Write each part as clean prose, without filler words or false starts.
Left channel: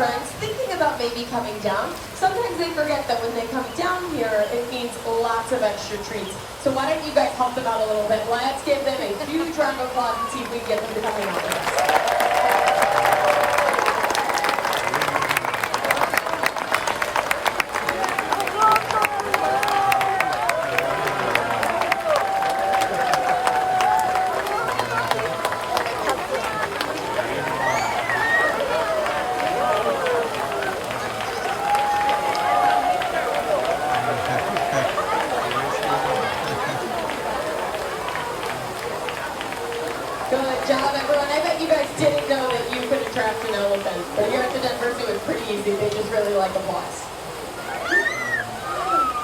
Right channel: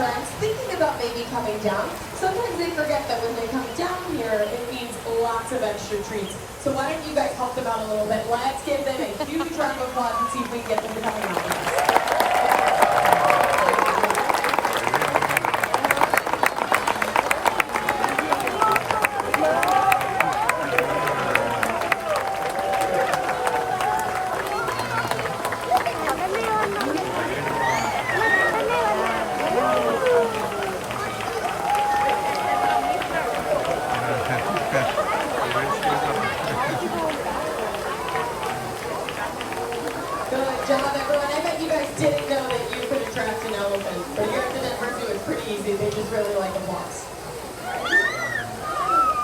friends thinking about maybe coming down. Sometimes they forget that when they come down here, it means lots of extra treats. So why don't you guys help them out a little bit? Let's give them a huge round of applause and see if we can get them to come out with us. Good job, everyone. I bet you guys didn't know that you could attract an elephant. But here at the Denver Zoo, it's pretty easy. They just really like applause.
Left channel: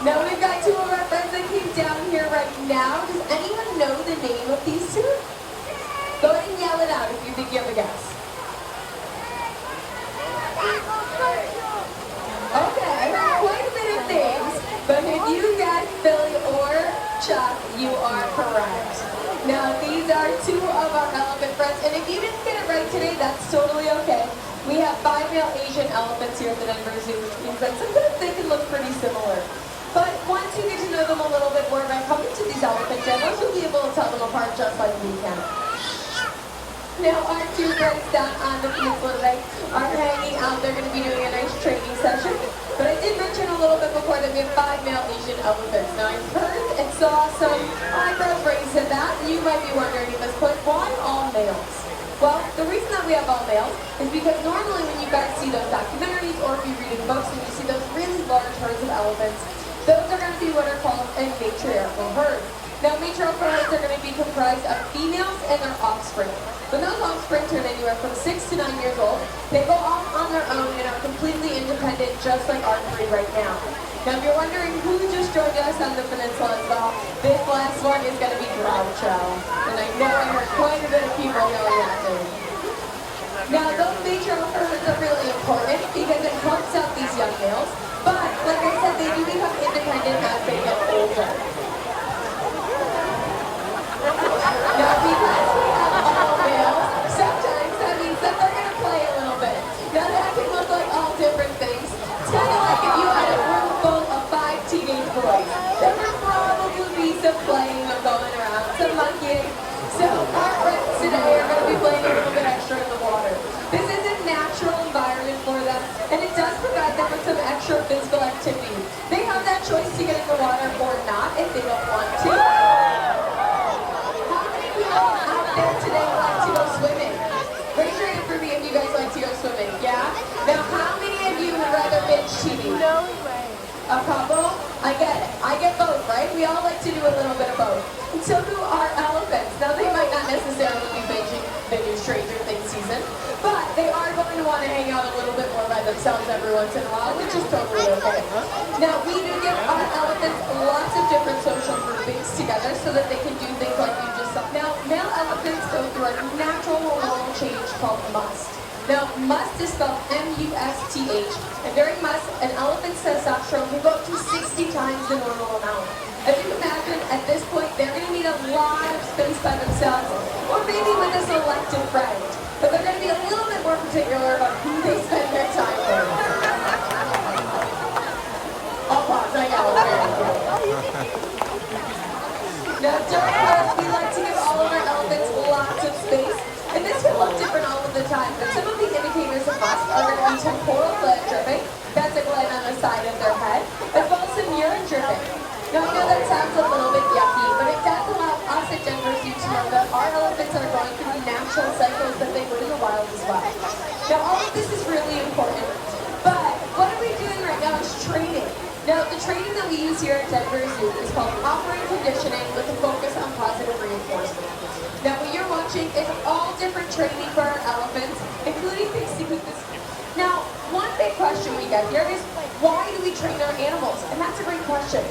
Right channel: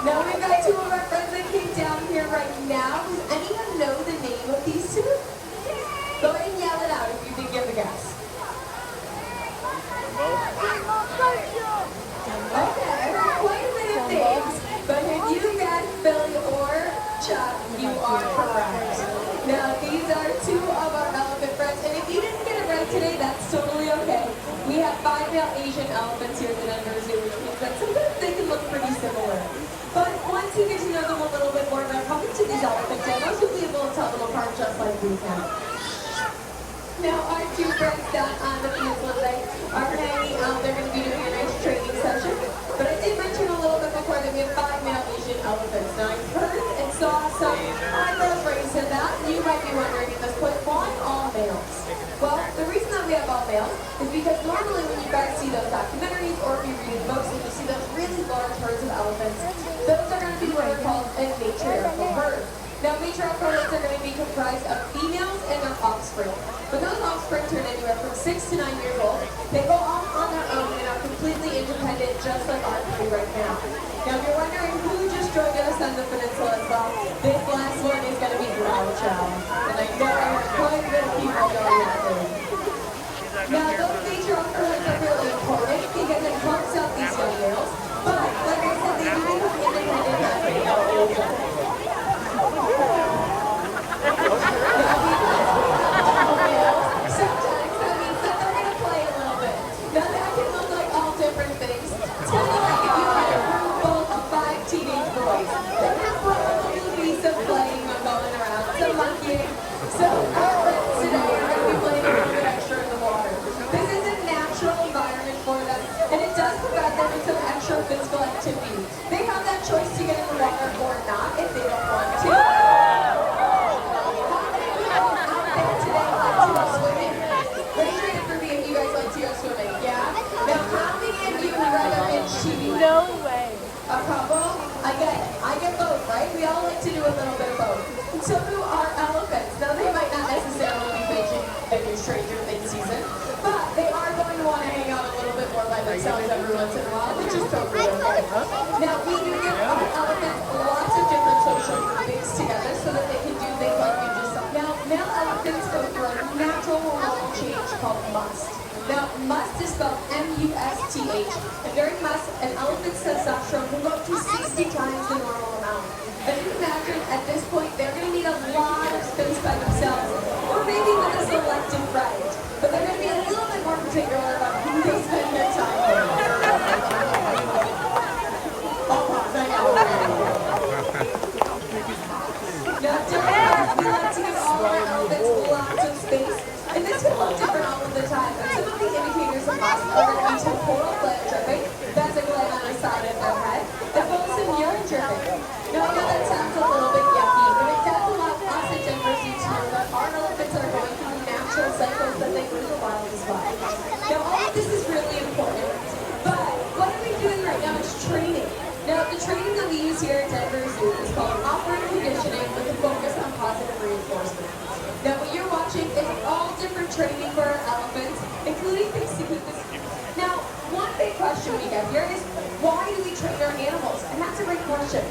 Now we've got two of our friends that came down here right now. Does anyone know the name of these two? Go ahead and yell it out if you think you have a guess. Okay, I heard quite a bit of names, but if you guess Billy or Chuck, you are correct. Now these are two of our elephant friends, and if you didn't get it right today, that's totally okay. We have 5 male Asian elephants here at the Denver Zoo, which means that sometimes they can look pretty similar. But once you get to know them a little bit more by coming to these elephant demos, you'll be able to tell them apart just like we can. Now our two friends down on the field today are hanging out. They're going to be doing a nice training session. But I did mention a little bit before that we have 5 male Asian elephants. Now I heard and saw some eyebrows raised in that. You might be wondering at this point, why all males? Well, the reason that we have all males is because normally when you guys see those documentaries or if you read in books and you see those really large herds of elephants, those are going to be what are called a matriarchal herd. Now matriarchal herds are going to be comprised of females and their offspring. When those offspring turn anywhere from 6 to 9 years old, they go off on their own and are completely independent, just like our country right now. Now, if you're wondering who just joined us on the peninsula as well, this last one is going to be Groucho. And I know I heard quite a bit of people know that name. Now, those matriarchal herds are really important because it helps out these young males. But, like I said, they do become independent as they get older. Now, because sometimes that means that they're going to play a little bit. Now that can look like all different things. It's kind of like if you had a room full of 5 teenage boys. There would probably be some playing or going around, some monkeying. So our friends today are going to be playing a little bit extra in the water. This is a natural environment for them, and it does provide them with some extra physical activity. They have that choice to get in the water or not if they don't want to. Today like to go swimming. Raise your hand for me if you guys like to go swimming, yeah? Now, how many of you would rather binge TV? A couple? I get both, right? We all like to do a little bit of both. And so do our elephants. Now, they might not necessarily be binging Stranger Things season, but they are going to want to hang out a little bit more by themselves every once in a while, which is totally okay. Now, we do give our elephants lots of different social groupings together so that they can do things like we just said. Now, male elephants go through a natural hormonal change called must. Now, must is spelled M-U-S-T-H, and during must, an elephant's testosterone can go up to 60 times the normal amount. And you can imagine, at this point, they're going to need a lot of space by themselves, or maybe with a selective friend. But they're going to be a little bit more particular about who they spend their time with. I'll pause, I got it. Now, during class, we like to give all of our elephants lots of space. And this will look different all of the time, but some of the indicators of must are going to be temporal blood dripping, that's a gland on the side of their head, as well as some urine dripping. Now I know that sounds a little bit yucky, but it does allow us at Denver Zoo to know that our elephants are going through natural cycles that they would in the wild as well. Now all of this is really important, but what are we doing right now is training. Now the training that we use here at Denver Zoo is called operant conditioning with a focus on positive reinforcement. Now what you're watching is all different training for our elephants, including things to keep us. Now, one big question we got here is, why do we train our animals? And that's a great question.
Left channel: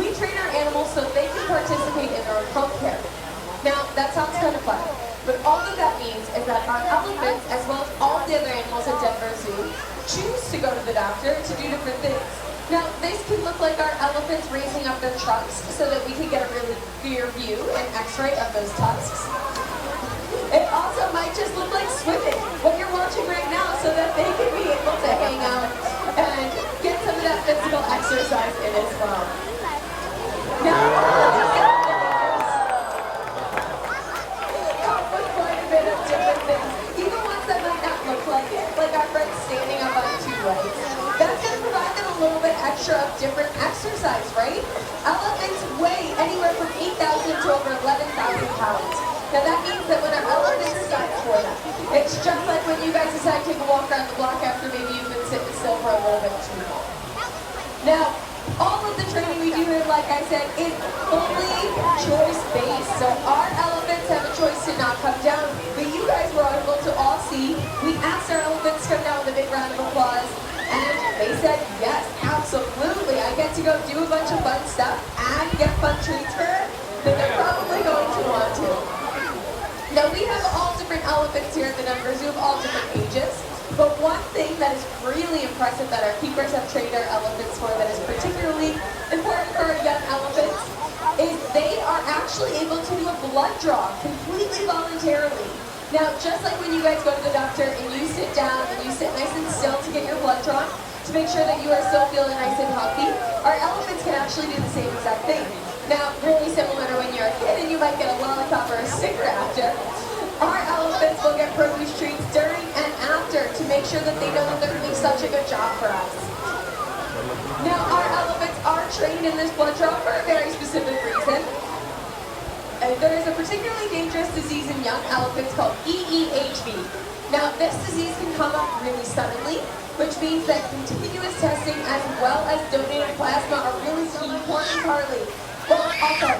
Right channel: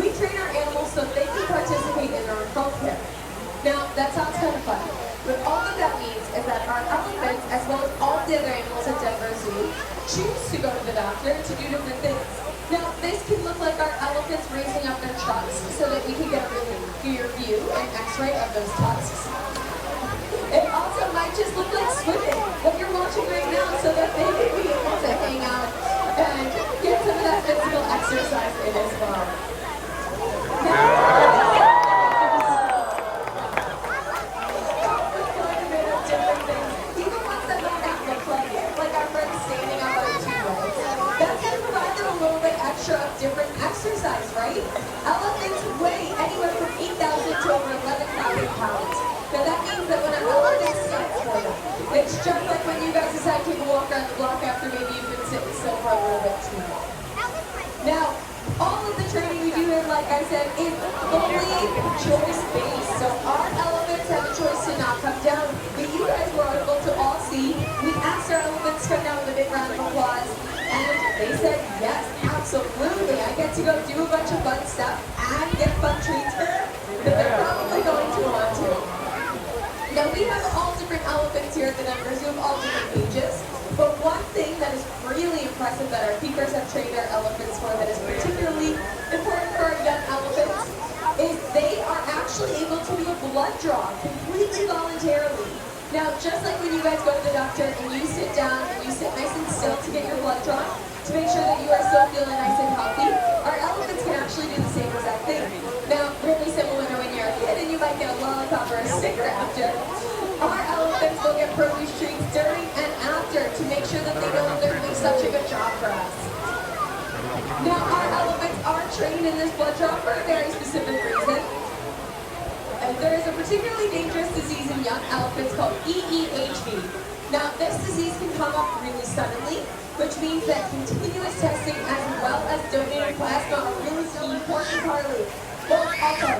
We train our animals so they can participate in our health care. Now, that sounds kind of fun, but all that that means is that our elephants, as well as all the other animals at Denver Zoo, choose to go to the doctor to do different things. Now, this can look like our elephants raising up their tusks so that we can get a really clear view and x-ray of those tusks. It also might just look like swimming, what you're watching right now, so that they can be able to exercise in as well. Even ones that might not look like our friends standing up on two legs. That's going to provide them a little bit extra of different exercise, right? Elephants weigh anywhere from 8,000 to over 11,000 pounds. Now that means that when an elephant is set for them, it's just like when you guys decide to take a walk around the block after maybe you've been sitting still for a little bit too long. Now, all of the training we do here, like I said, is fully choice-based. So our elephants have a choice to not come down, but you guys were able to all see. We asked our elephants to come down with a big round of applause, and they said, yes, absolutely. I get to go do a bunch of fun stuff and get fun treats for it, but they're probably going to want to. Now, we have all different elephants here at the Denver Zoo of all different ages. But one thing that is really impressive that our keepers have trained our elephants for that is particularly important for our young elephants is they are actually able to do a blood draw completely voluntarily. Now, just like when you guys go to the doctor and you sit down and you sit nice and still to get your blood drawn to make sure that you are still feeling nice and healthy, our elephants can actually do the same exact thing. Now, really similar to when you're a kid and you might get a lollipop or a sticker after. Our elephants will get produce treats during and after to make sure that they know that they're doing such a good job for us. Now, our elephants are trained in this blood draw for a very specific reason. There is a particularly dangerous disease in young elephants called EEHV. Now, this disease can come up really suddenly, which means that continuous testing as well as donated plasma are really key for Carly. Well, also,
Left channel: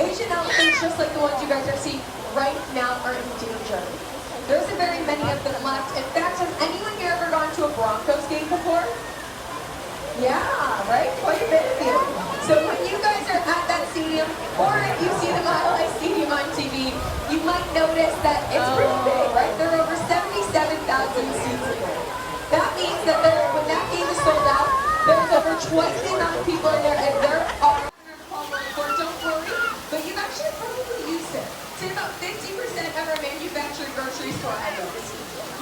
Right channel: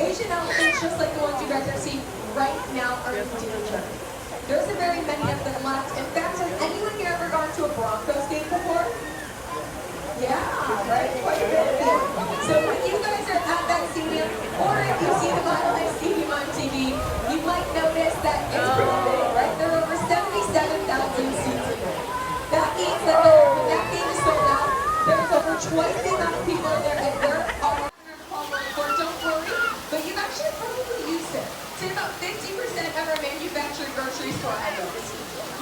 Asian elephants, just like the ones you guys are seeing right now, are in danger. There isn't very many of them left. In fact, has anyone here ever gone to a Broncos game before? Yeah, right? Quite a bit of you. So when you guys are at that stadium, or if you see the Mile High Stadium on TV, you might notice that it's pretty big, right? There are over 77,000 seats in there. That means that when that game is sold out, there's over twice the amount of people in there, and there are don't worry, but you've actually probably used it. It's in about 50% of our manufactured grocery store items.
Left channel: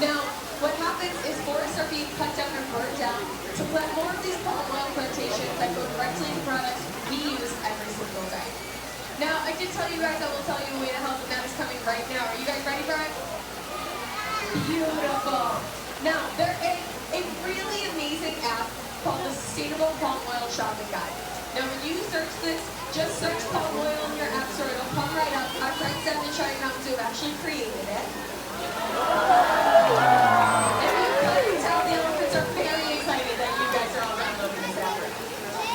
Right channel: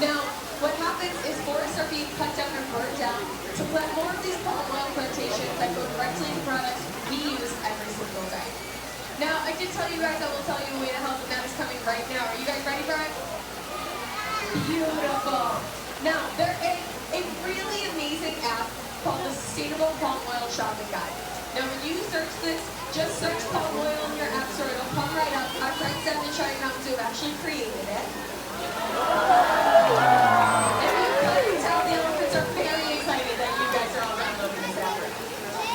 Now, what happens is forests are being cut down and burned down to plant more of these palm oil plantations that go directly into products we use every single day. Now, I did tell you guys I will tell you a way to help, and that is coming right now. Are you guys ready for it? Beautiful. Now, there is a really amazing app called the Sustainable Palm Oil Shopping Guide. Now, when you search this, just search palm oil in your app store. It'll come right up. Our friends at the China Mountain Zoo have actually created it. And you can tell the elephants are very excited that you guys are all downloading this app.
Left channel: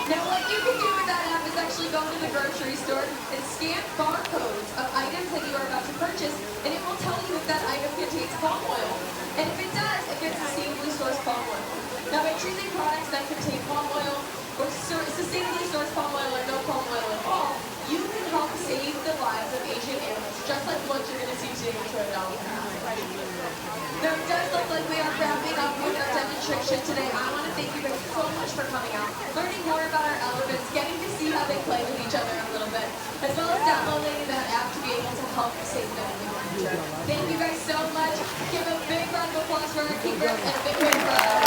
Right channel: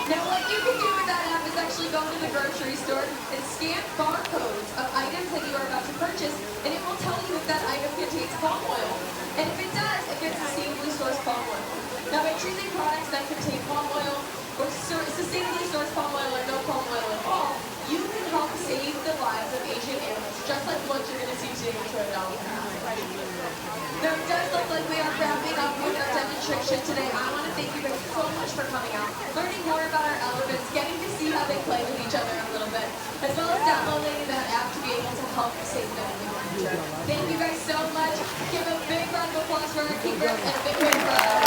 Now, what you can do with that app is actually go to the grocery store and scan barcodes of items that you are about to purchase, and it will tell you if that item contains palm oil. And if it does, it gets sustainably sourced palm oil. Now, by choosing products that contain palm oil, or sustainably sourced palm oil or no palm oil at all, you can help save the lives of Asian animals, just like what you're going to see today with Toy Dolly. Now, it does look like we are wrapping up with our demonstration today. I want to thank you guys so much for coming out, learning more about our elephants, getting to see how they play with each other a little bit, as well as downloading that app to be able to help save them in the future. Thank you guys so much. Give a big round of applause for our keepers and a big wave for our